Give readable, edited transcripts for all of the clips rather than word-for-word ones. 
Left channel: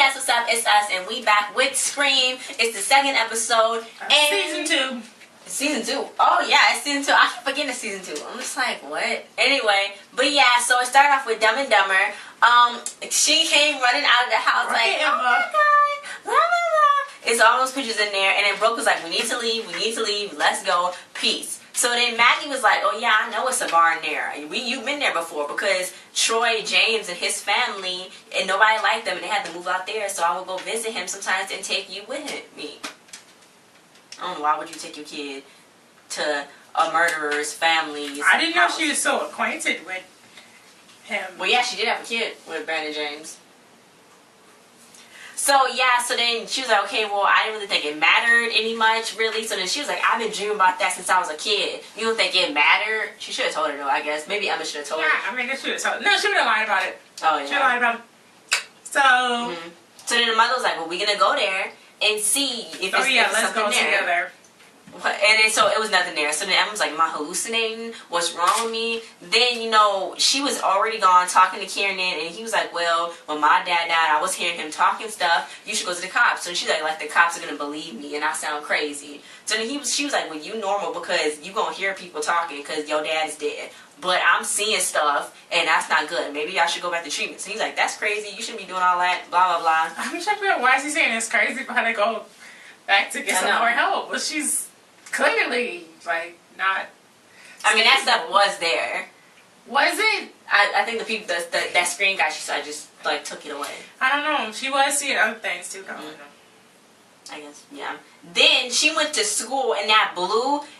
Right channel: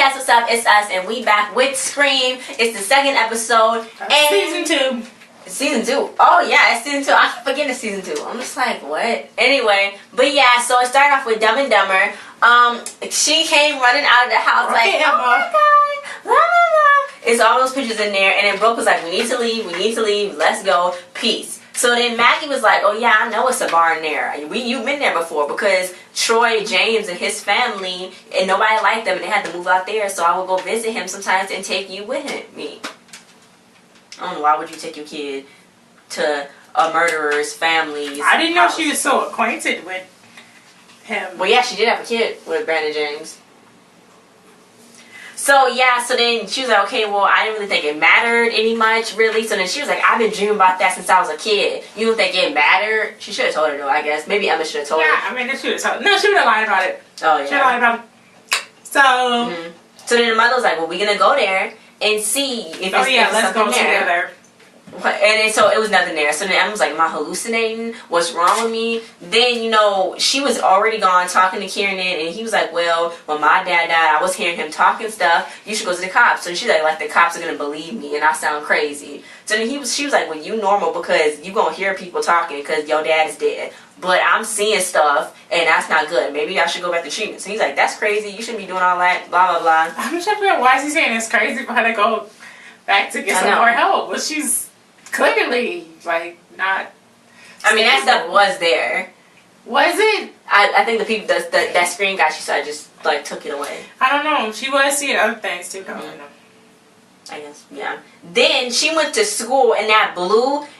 guys, what's up? It's us, and we back with Scream. It's the second episode. Season 2. Season 2. Oh, yeah, it's season 2. I keep forgetting it's season 2. I'm just like, what? Anyway, but yeah, so it started off with Dumb and Dumber. She came running out of the house like, oh my god, blah, blah, blah. It's all those pictures in there, and then Brooke was like, we need to leave, let's go, peace. So then Maggie was like, oh yeah, I know it's a bar in there. You've been there before because Troy, James, and his family, and nobody liked them, and they had to move out there, so I would go visit him sometimes and take you with me. I don't know, why would you take your kid to a murderer's family's I didn't know house? she was so acquainted with him. Well, yeah, she did have a kid with Brandon James. So, yeah, so then she was like, okay, well, I didn't really think it mattered any much, really. So then she was like, I've been dreaming about that since I was a kid. You don't think it mattered? She should have told her, though, I guess. Maybe Emma should have told her. Yeah, I mean, she would have told her. No, she would have lied about it. Oh, yeah. She would have lied about it. So... So then the mother was like, well, we're going to go there and see if it's let's go there. together. And then so it was nothing there. So then Emma was like, am I hallucinating? What's wrong with me? Then, you know, she was already gone talking to Kieran, and he was like, well, when my dad died, I was hearing him talking stuff. You should go to the cops. So she's like the cops are going to believe me and I sound crazy. So then she was like, well, you normal because you going to hear people talking because your dad is dead. But I'm seeing stuff and that's not good. Maybe I should go back to treatment. So he's like, that's crazy. You shouldn't be doing all that, blah, blah, blah. I'm trying to figure out why is he saying it's crazy for her to go back to get some more help. But she's clearly, like, not... I mean, that stuff was there. Was it? I think the people, that screen guy she saw just, like, took it away. I don't know. She was seeing other things, too. I guess, yeah. Then she went to school, and that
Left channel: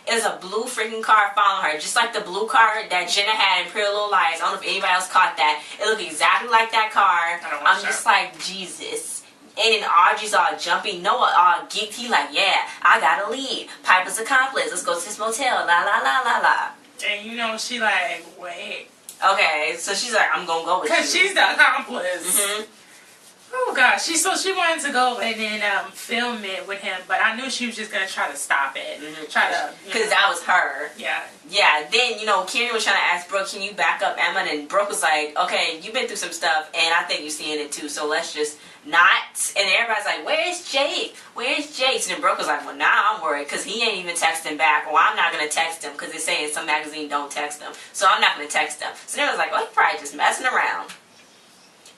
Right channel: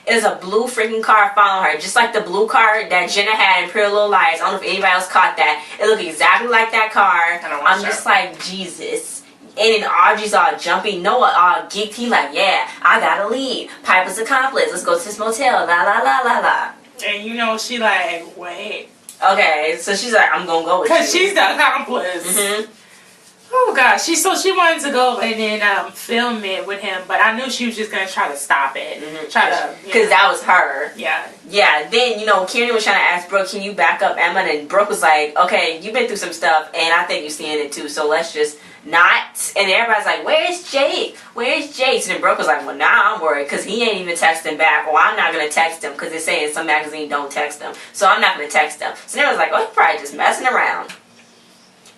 is a blue freaking car following her. Just like the blue car that Jenna had in Pretty Little Lies. I don't know if anybody else caught that. It looked exactly like that car. I'm just like, Jesus. And then Audrey's all jumping. Noah all geeked. He like, yeah, I gotta leave. Piper's accomplice. Let's go to this motel. La, la, la, la, la. And you know, she like, wait. Okay, so she's like, I'm gonna go with you. Because she's the accomplice. Oh gosh, she wanted to go and then film it with him, but I knew she was just gonna try to stop it, because that was her. Yeah. Then Kieran was trying to ask Brooke, can you back up Emma? And Brooke was like, okay, you've been through some stuff, and I think you're seeing it too, so let's just not. And everybody's like, where's Jake? Where's Jake? And then Brooke was like, well, nah, I'm worried because he ain't even texting back. Well, I'm not gonna text him because it's saying some magazine don't text him, so I'm not gonna text him. So everyone's like, oh, he's probably just messing around.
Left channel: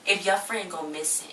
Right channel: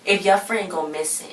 If your friend go missing.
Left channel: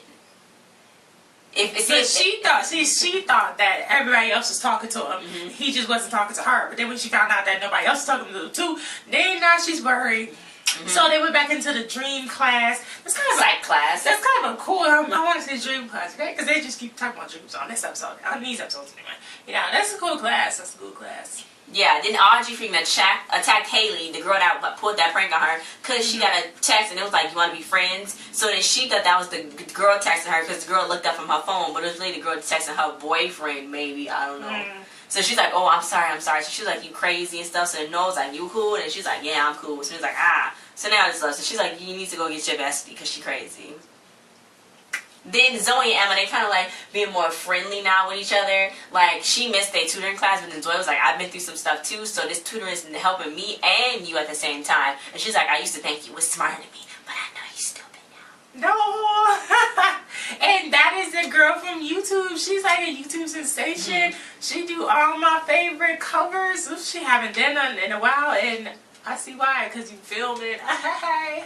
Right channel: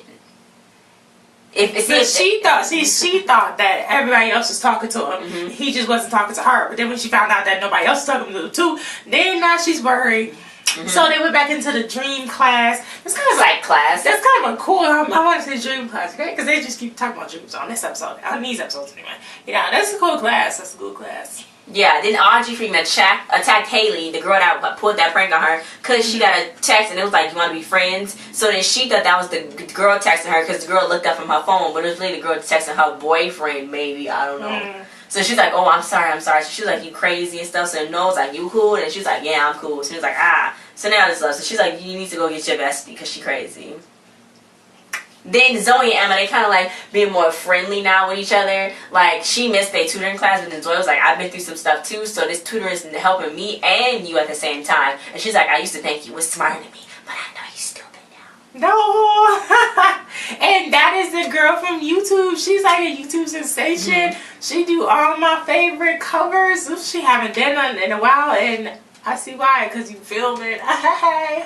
She thought that everybody else was talking to him. He just wasn't talking to her. But then when she found out that nobody else was talking to him too, then now she's worried. So they went back into the dream class. It's kind of psych class. That's kind of a cool. I want to say dream class, right? Because they just keep talking about dreams on this episode, on these episodes anyway. Yeah, that's a cool class. That's a cool class. Yeah, then Audrey freaking attacked Haley, the girl that pulled that prank on her, because she got a text and it was like, you want to be friends? So then she thought that was the girl texting her because the girl looked up from her phone, but it was really the girl texting her boyfriend, maybe, I don't know. So she's like, oh, I'm sorry. So she's like, you crazy and stuff. So Noah's like, you cool? And she's like, yeah, I'm cool. So he's like, ah. So now it's love. So she's like, you need to go get your bestie because she crazy. Then Zoe and Emma, they kind of like being more friendly now with each other. Like, she missed their tutoring class, but then Zoe was like, I've been through some stuff too, so this tutor is helping me and you at the same time. And she's like, I used to think you was smarter than me, but I know you stupid now. No! And that is the girl from YouTube. She's like a YouTube sensation. She do all my favorite covers. She haven't done none in a while, and I see why, because you filmed it. Hey.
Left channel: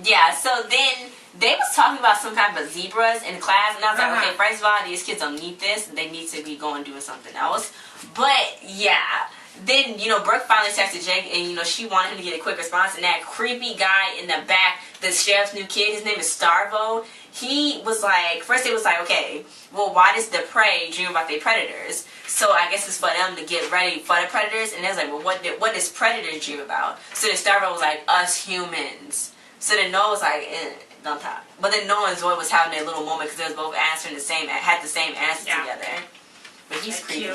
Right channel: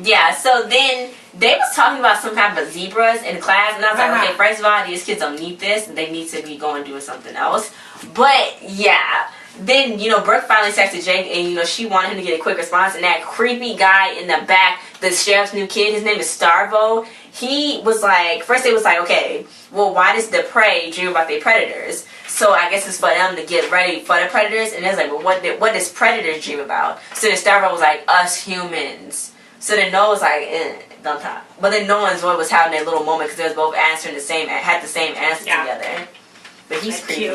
Yeah, so then they was talking about some type of zebras in class, and I was like, okay, first of all, these kids don't need this, they need to be going doing something else. But yeah, then Brooke finally texted Jake, and she wanted him to get a quick response, and that creepy guy in the back, the sheriff's new kid, his name is Starvo. He was like, first they was like, okay, well, why does the prey dream about their predators? So I guess it's for them to get ready for the predators. And they was like, well, what does predator dream about? So then Starvo was like, us humans. So then Noah was like, don't talk. But then Noah and Zoe was having their little moment because they was both answering had the same answer together. But he's creepy.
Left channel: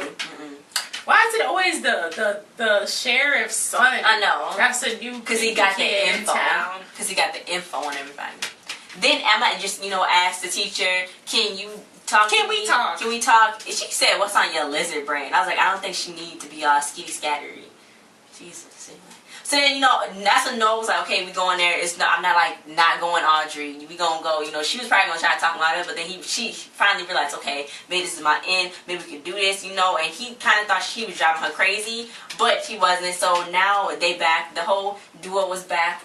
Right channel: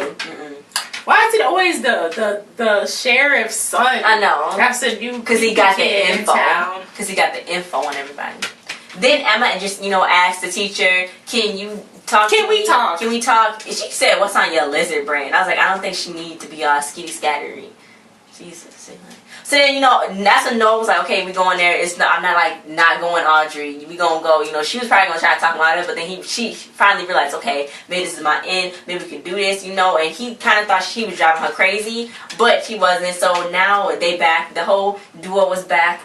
Why is it always the sheriff's son? I know. That's the new because he got the info. Because he got the info on everybody. Then Emma just asked the teacher, can we talk? Can we talk? And she said, what's on your lizard brain? I was like, I don't think she need to be all skitty scattery. Jesus. So then, you know, that's when Noah was like, okay, we going there. I'm not like not going, Audrey. We gonna go. You know, she was probably gonna try to talk about it, but then she finally realized, okay, maybe this is my end. Maybe we could do this, you know. And he kind of thought she was driving her crazy, but she wasn't. So now they back. The whole duo was back.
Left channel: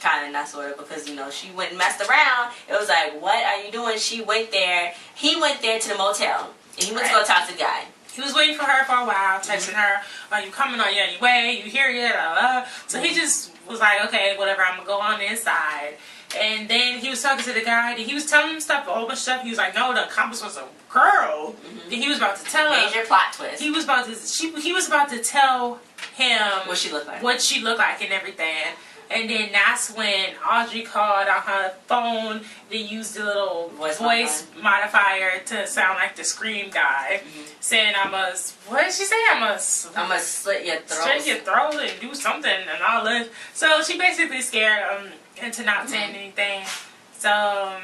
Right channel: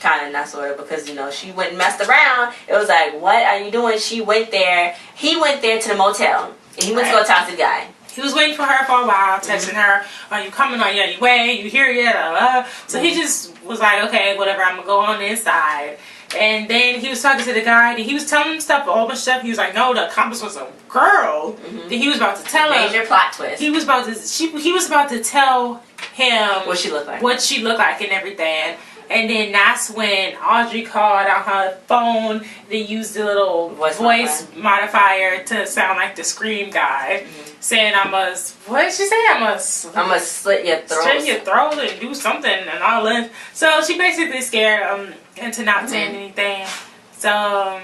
Kind of, not sort of, because, you know, she went and messed around. It was like, what are you doing? She went there. He went there to the motel, and he went to go talk to the guy. He was waiting for her for a while, texting her, are you coming on your way? You here yet? So he just was like, okay, whatever, I'm going to go on the inside. And then he was talking to the guy, and he was telling him stuff, a whole bunch of stuff. He was like, no, the accomplice was a girl. Then he was about to tell her. Major plot twist. He was about to tell him what she looked like. What she looked like and everything. And then that's when Audrey called on her phone. They used the little voice modifier to sound like the Scream guy. Saying, what did she say? I must slit your throat. Slit your throat and do something and all that. So she basically scared him into not saying anything. So,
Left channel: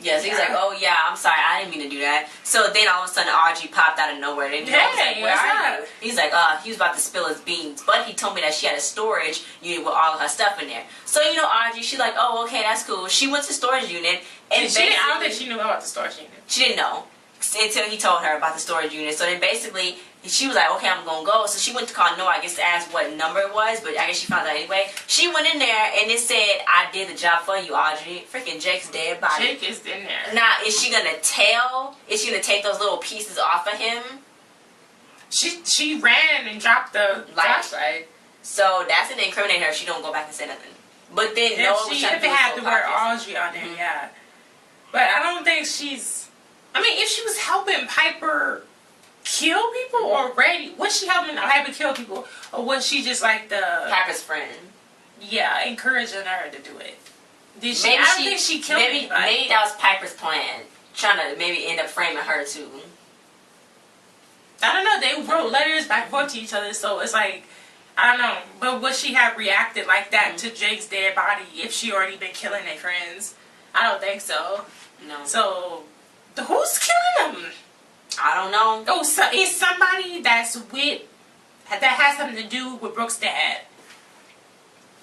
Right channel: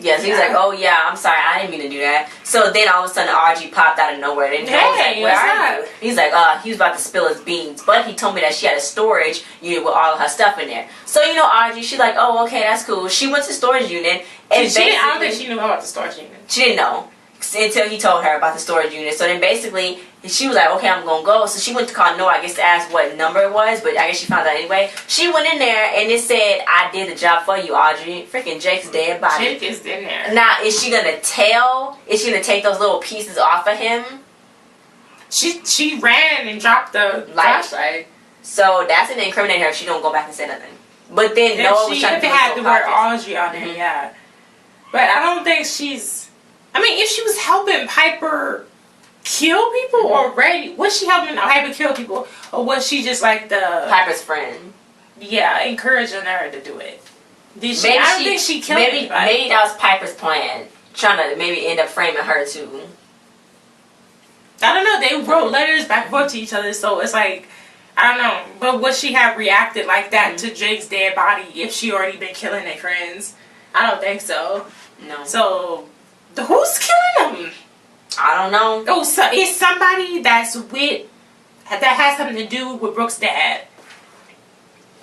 yeah, so he's like, oh yeah, I'm sorry, I didn't mean to do that. So then all of a sudden Audrey popped out of nowhere. And Joe was like, where are you? He's like, he was about to spill his beans. But he told me that she had a storage unit with all of her stuff in there. So, you know, Audrey, she's like, oh, okay, that's cool. She went to the storage unit. And I don't think she knew about the storage unit. She didn't know until he told her about the storage unit. So then basically she was like, okay, I'm going to go. So she went to call Noah, I guess, to ask what number it was. But I guess she found out anyway. She went in there and it said, I did the job for you, Audrey. Freaking Jake's dead body. Jake is in there. Now, is she going to tell? Is she going to take those little pieces off of him? She ran and dropped the flashlight. So that's going to incriminate her if she don't go back and say nothing. But then Noah was trying to had to wear Audrey on there, yeah. But I don't think she's... I mean, if she was helping Piper kill people already, was she helping Piper kill people? Or was she just like the... Piper's friend. Yeah, encouraging her to do it. Did she? I don't think she killed anybody. Maybe that was Piper's plan. Trying to maybe end up framing her too. I don't know. They wrote letters back and forth to each other, so it's like... I don't know. But would she have reacted like that to Jake's dead body if she already been killing their friends? I don't think so. No. So... who's killing them? I don't know. Oh, so it's somebody that has something to do with Brooke's dad.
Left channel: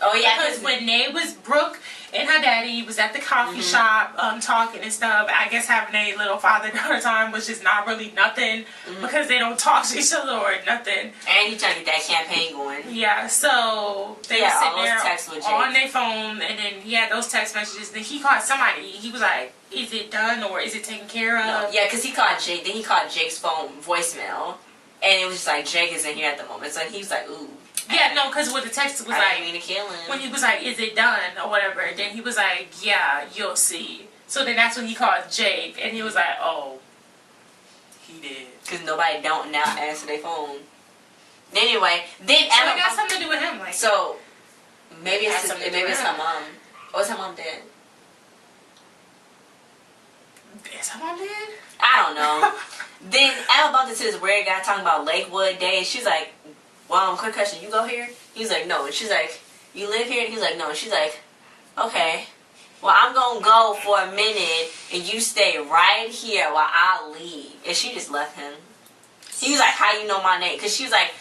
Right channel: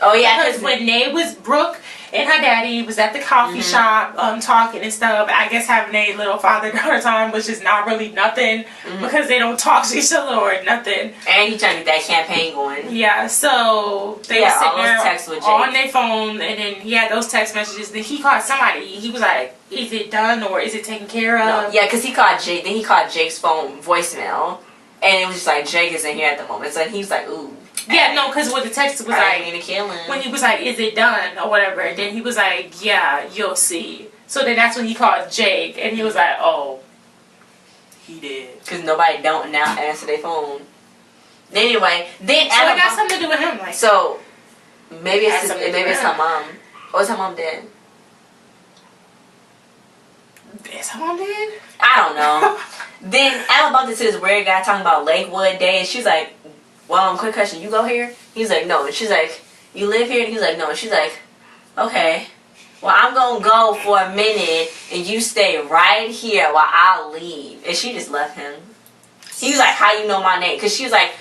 Oh yeah, because when they was Brooke and her daddy was at the coffee shop talking and stuff, I guess having a little father-daughter time, which is not really nothing because they don't talk to each other or nothing. And he trying to get that campaign going. Yeah, so they were sitting there on their phone, and then he had those text messages. Then he called somebody. He was like, "Is it done or is it taken care of?" No. Yeah, because he called Jake. Then he called Jake's phone voicemail, and it was just like Jake isn't here at the moment. So he was like, "Ooh." Yeah, no, because what the text was like, mean to kill him. When he was like, "Is it done?" or whatever, and then he was like, "Yeah, you'll see." So then that's when he called Jake, and he was like, "Oh, he did." Because nobody don't now answer their phone. Anyway, then so it got something to do with him, like. So maybe it's her mom. Or is her mom dead? Is her mom dead? I don't know. Then Emma bumped into this weird guy talking about Lakewood Day, and she's like, "Well, quick question, you go here?" He's like, "No." And she's like, "You live here?" And he's like, "No." And she's like, "Okay. Well, I'm going to go for a minute, and you stay right here while I leave." And she just left him. He was like, "How you know my name?" Because she was like,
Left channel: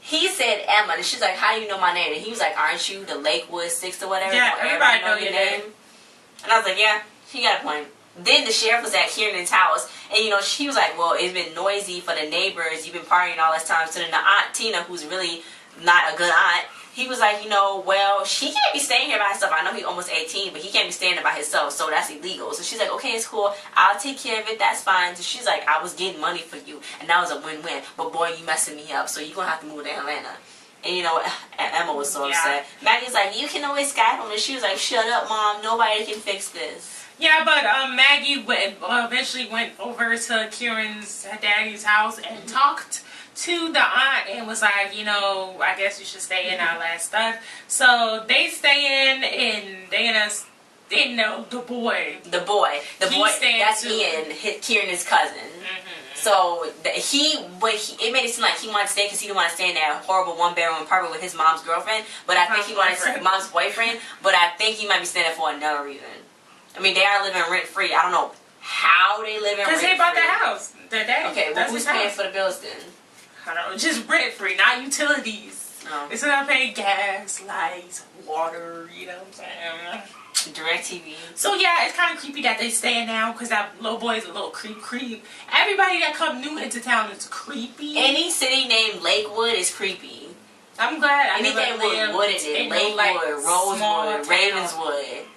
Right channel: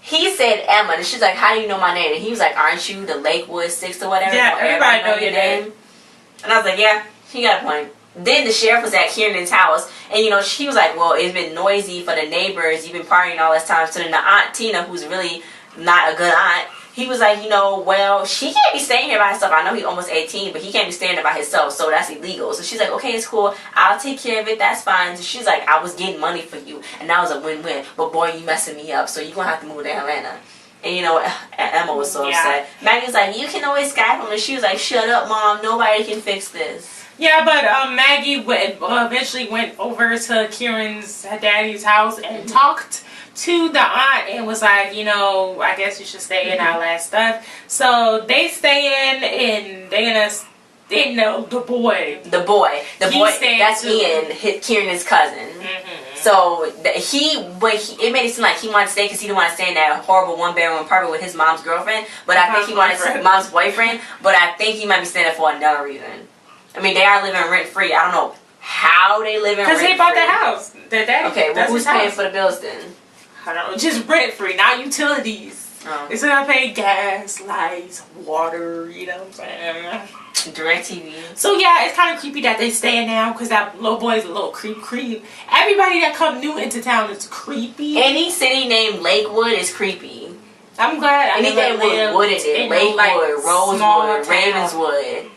he said Emma, and she's like, "How do you know my name?" And he was like, "Aren't you the Lakewood 6 or whatever?" Yeah, everybody know your name. And I was like, yeah, he got a point. Then the sheriff was at Kiernan's house, and you know, she was like, "Well, it's been noisy for the neighbors. You've been partying all this time." So then the aunt Tina, who's really not a good aunt, he was like, "You know, well, she can't be staying here by herself. I know he's almost 18, but he can't be staying there by himself, so that's illegal." So she's like, "Okay, it's cool. I'll take care of it. That's fine." So she's like, "I was getting money for you, and that was a win-win. But boy, you messing me up, so you're gonna have to move to Atlanta." And you know, Emma was so upset. Maggie's like, "You can always Skype him," and she was like, "Shut up, Mom. Nobody can fix this." Yeah, but Maggie eventually went over to Kieran's daddy's house and talked to the aunt and was like, "You know, I guess you should stay in all that stuff." So they stay in, and they know the boy. The boy, that's Ian, Kieran's cousin. So it made it seem like he wanted to stay because he didn't want to stay in that horrible one-bedroom apartment with his mom's girlfriend. But I think he wanted mom's boyfriend. But I think he might be staying there for another reason. I mean, they are living rent-free. I don't know how they live in rent-free. Because they bought the house. Their daddy. Okay, well, who's paying for the bills then? I don't know. Just rent-free, not utilities. Oh. They still gotta pay gas, lights, water, you know what I'm saying? DirecTV. So yeah, it's kind of creepy that they staying now because that little boy is a little creep. Everybody that come new into town is creepy. Any city named Lakewood is creepy. I'm glad I Anything never lived with wood in it. in Lakewood, like, small Rosewood, town. Ravenswood.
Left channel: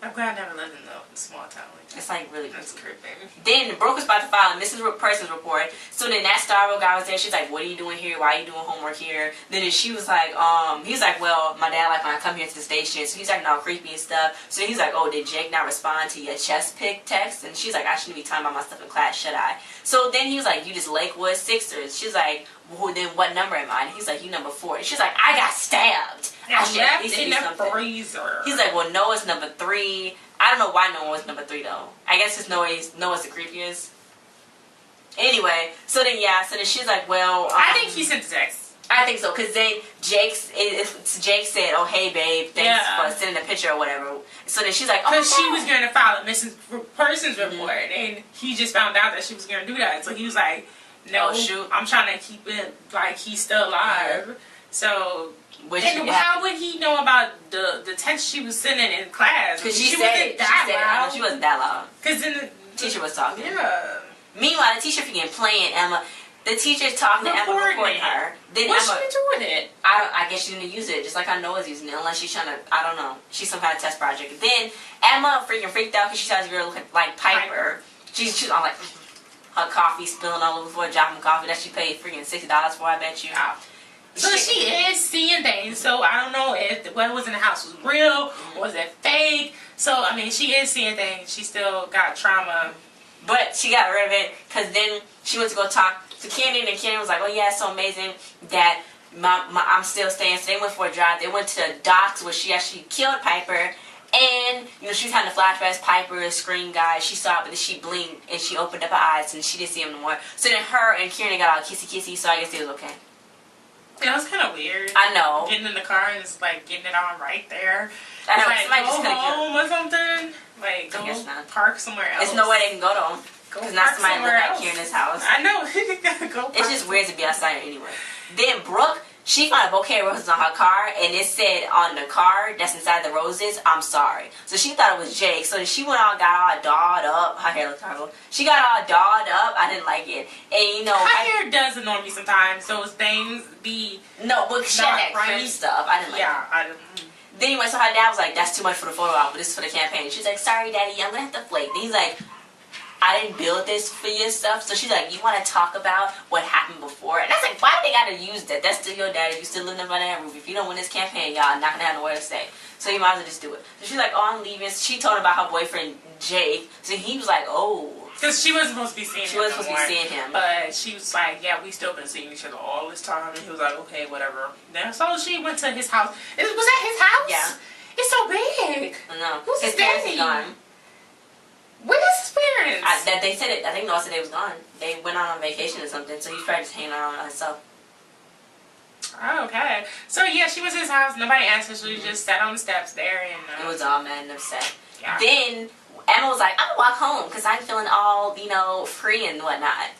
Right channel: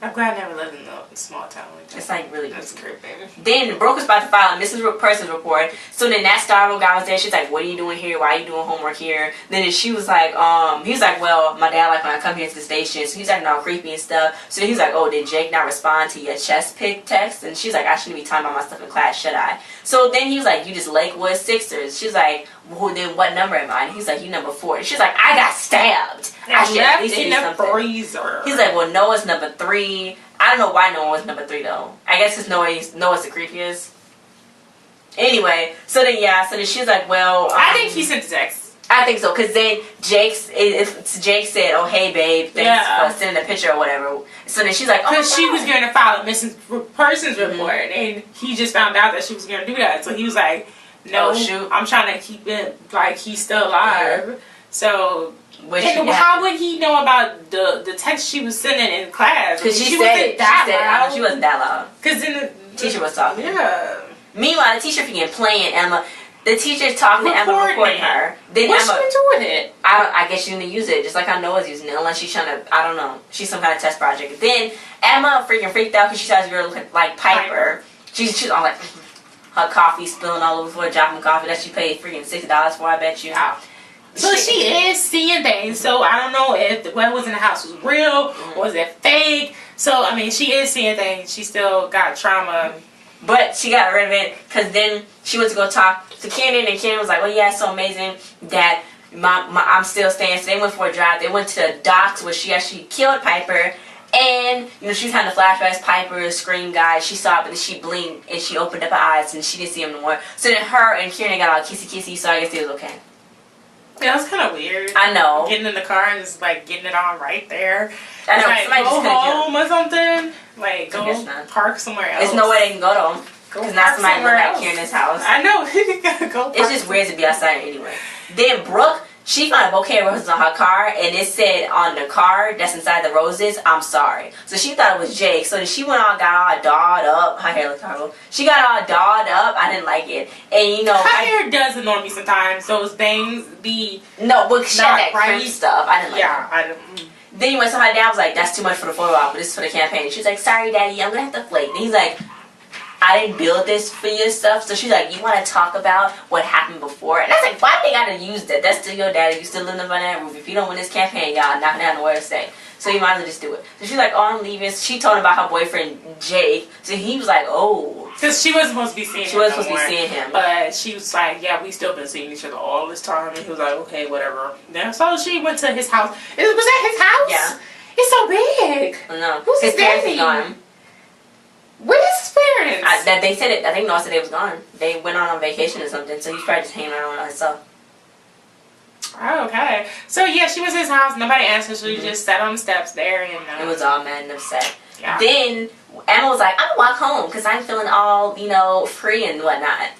I'm glad I never lived in a small town like that. It's like really That's creepy. creepy. Then the broker's about to file a missing persons report. So then that Starro guy was there. She's like, "What are you doing here? Why are you doing homework here?" Then she was like, he's like, "Well, my dad like when I come here to the station." So he's like, "No, creepy and stuff." So he's like, "Oh, did Jake not respond to your chest pick text?" And she's like, "I shouldn't be talking about my stuff in class, should I?" So then he was like, "You just Lakewood Sixers." She's like, "Well, then what number am I?" And he's like, "You number 4." She's like, "I got stabbed. I should at least in be the something." freezer. He's like, "Well, Noah's number 3. I don't know why Noah was number 3 though. I guess because Noah's the creepiest. Anyway, so then she's like, "Well, I think he sent the text. I think so, because then Jake said, 'Oh, hey babe, thanks for sending a picture or whatever.'" So then she's like, "Oh, because she was going to file a missing persons report, and he just found out that she was going to do that. So he was like, "No, I'm trying to keep it like he's still alive." Yeah. So. How would he know about the text she was sending in class? Because she said it. She wasn't that loud. Because then the teacher was talking. Yeah. Meanwhile, the teacher began playing Emma. The teacher's talking to Emma, recording her. Then What's Emma, she doing with it? I guess she's gonna use it just like I Noah's using it, unless she's trying to. I don't know. She's some kind of test project. Then Emma freaking freaked out because she saw this girl like Piper. She's on like her coffee spilling all over the floor, dropping coffee that she paid freaking $60 for. I bet you. Yeah. So she is seeing things. So I don't know if what was in the house was real or was it fake. So I mean, she is seeing things. She still got trauma, but she got rid of it because then she went to go talk to Kenan, and Kenan was like, "Oh yeah, it's so amazing that I'm still staying." So they went for a drive. They went to the docks where she actually killed Piper. And, she was having the flashbacks, Piper, scream guy, she saw it, but then she blinked, and she opened up her eyes, and she didn't see him no more. So then her and Kieran got all kissy-kissy, so I guess it was okay. Yeah, that's kind of weird. I know. Getting in the car and just, like, getting it on right there. I know. Like, go home or something. Like, go park somewhere else. There's no way they can go to them. Because not somebody live back here in this house. I know. You gotta go park. It's just weird to be outside anyway. Then Brooke, she found a bouquet of roses on her car, and it said on the card that's inside the roses, "I'm sorry." So she thought it was Jake. So she went on, got all dolled up. Her hair looked horrible. She got all dolled up. I didn't like it. And her hair does annoy me sometimes. Those bangs be but she had that cringe stuff. I didn't like it. Yeah, I didn't. Then anyway, so her dad was like, "That's too much for the photo op, but this is for the campaign." She's like, "Sorry, Daddy, I'm gonna have to flake." And he's like, "I didn't build this for your stuff." So she's like, "You want to talk about what happened before?" And I was like, "Why they gotta use that? That's still your daddy. You still living under that roof. If you don't win this campaign, y'all knocking down nowhere to stay. So you might as well just do it." So she's like, "Oh, I'm leaving." She told him about her boyfriend Jake. So he was like, "Oh," because she wasn't supposed to be seeing him. She wasn't supposed to be seeing him. But she was like, "Yeah, we still been seeing each other all this time." And he was like, "Okay, whatever." Then so she went to his house. Was that his house? Yeah. It's so big. No. Who's his parents daddy? are gone. Where's his parents? That they said it. I think Noah said they was gone. They went on vacation or something. So he's probably just hanging around with himself. Oh, okay. So yeah, she was at his house. Nobody answered. She just sat on the steps there, and it was all mad and upset. Yeah. Then Emma was like, "I'm gonna walk home because I'm feeling all free and whatnot."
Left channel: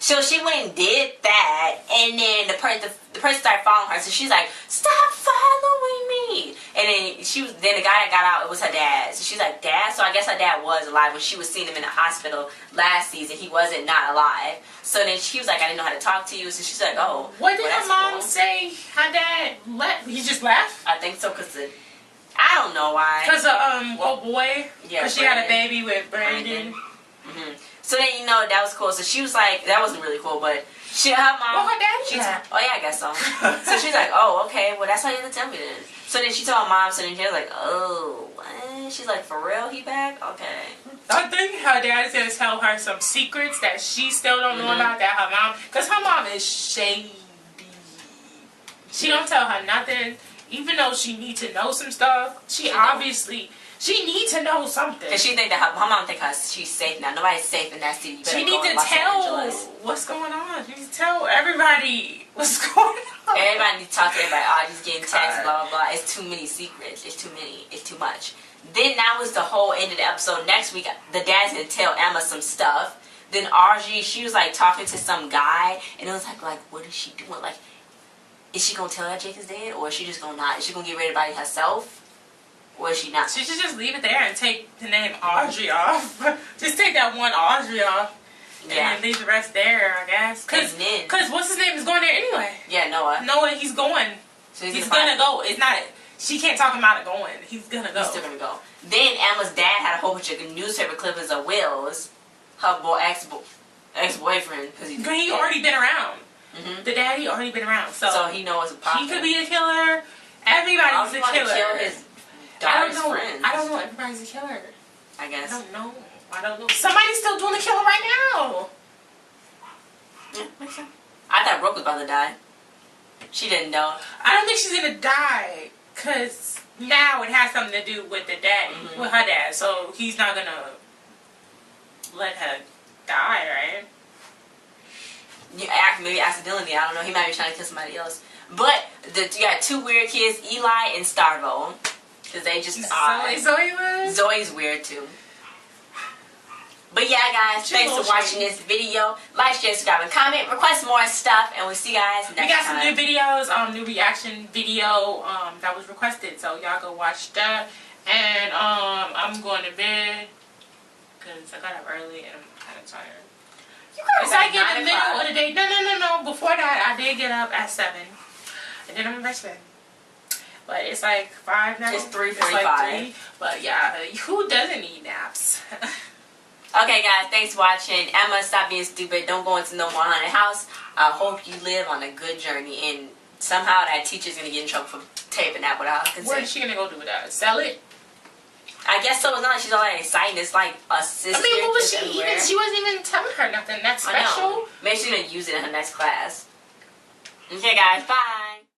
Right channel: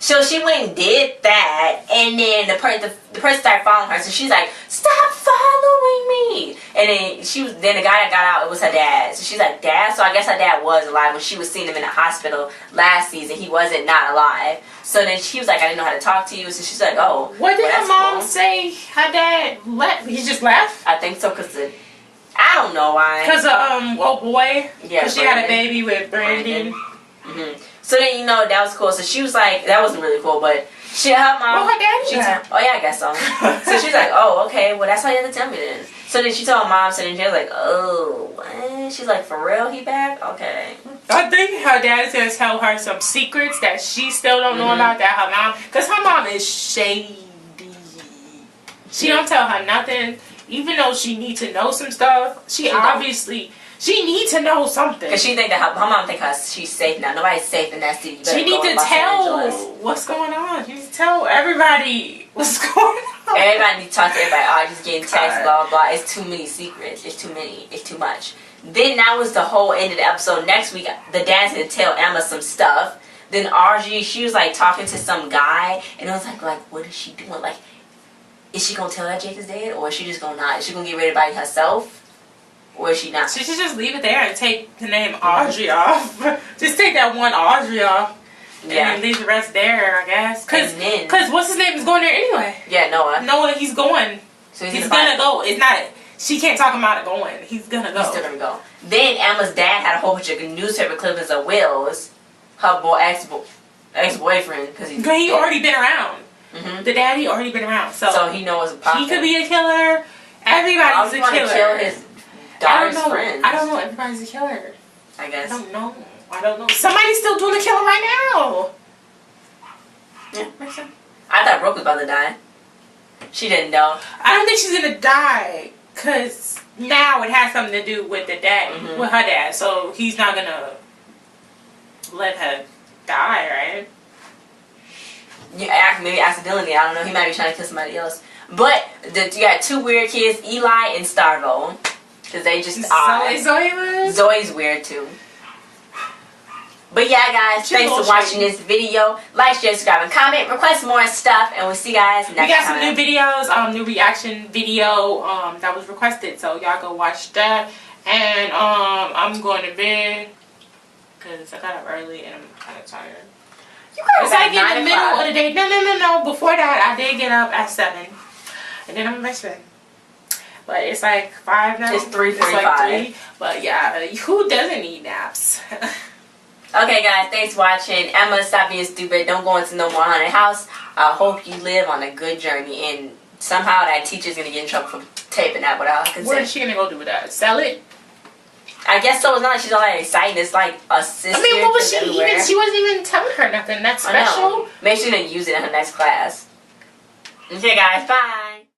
So she went and did that, and then the person started following her. So she's like, "Stop following me!" And then the guy that got out, it was her dad. So she's like, "Dad?" So I guess her dad was alive when she was seeing him in the hospital last season. He wasn't not alive. So then she was like, "I didn't know how to talk to you." So she's like, "Oh." What did her mom say? Her dad left. He just left. I think so, I don't know why. Because old boy. Yeah. Because she had a baby with Brandon. Mm-hmm. So then that was cool. So she was like, that wasn't really cool, but her mom. Well, her daddy. Oh yeah, I guess so. So she's like, "Oh, okay. Well, that's why you have to tell me then." So then she told her mom. So then she was like, "Oh, what?" She's like, "For real, he back? Okay." I think her dad is gonna tell her some secrets that she still don't know about that her mom, because her mom is shady. She don't tell her nothing, even though she needs to know some stuff. She needs to know something. Because she think that her mom think she's safe now. Nobody's safe in that city. She needs to tell what's going on. You need to tell everybody what's going on. Everybody needs to talk to everybody. Audrey's getting texts, blah, blah, blah. It's too many secrets. It's too many. It's too much. Then that was the whole end of the episode. Next week, the dad's going to tell Emma some stuff. Then Audrey, she was like talking to some guy. And it was like what is she doing? Like, is she gonna tell that Jake is dead, or is she just gonna not? Is she gonna get rid of everybody herself, or is she not? She should just leave it there and take the name Audrey off. Just take that one Audrey off. Yeah. And leave the rest there, I guess. Cause what's his name is going there anyway. Yeah, Noah. Noah, he's going. So he's gonna go. It's not. She can't talk him out of going. He's gonna go. He's still gonna go. Then Emma's dad had a whole bunch of newspaper clippings of Will's, her ex-boyfriend, because he already been around. Mm-hmm. The daddy already been around, so he knows a problem. He could be a killer. Everybody's a killer. Kill his daughter's friends. I don't know. Everybody's a killer. I guess. I don't know. Somebody's still doing the killing right now. Yeah, makes sense. I thought Brooke was about to die. She didn't know. I don't think she's gonna die, cause now it has something to do with the dad, with her dad. So he's not gonna let her die, right? Yeah, maybe accidentally. I don't know. He might be trying to kill somebody else. But you got two weird kids, Eli and Starvo, because they just are. Zoe's weird too. But yeah, guys, thanks for watching this video. Like, share, subscribe, and comment. Request more stuff, and we'll see you guys next time. We got some new videos, new reaction video that was requested, so y'all go watch that. And I'm going to bed because I got up early and I'm kind of tired. It's like in the middle of the day. No. Before that, I did get up at 7, and then I'm in bed. But it's like 5 now. It's 3:45. It's like 3. But yeah, who doesn't need naps? Okay, guys, thanks for watching. Emma, stop being stupid. Don't go into no more haunted house. I hope you live on a good journey. And somehow that teacher's going to get in trouble for taping that without consent. What is she going to go do with that? Sell it? I guess so. It's not like she's all that exciting. It's like a sister. I mean, what was she even? She wasn't even telling her nothing. That's special. Maybe she's going to use it in her next class. Okay, guys. Bye.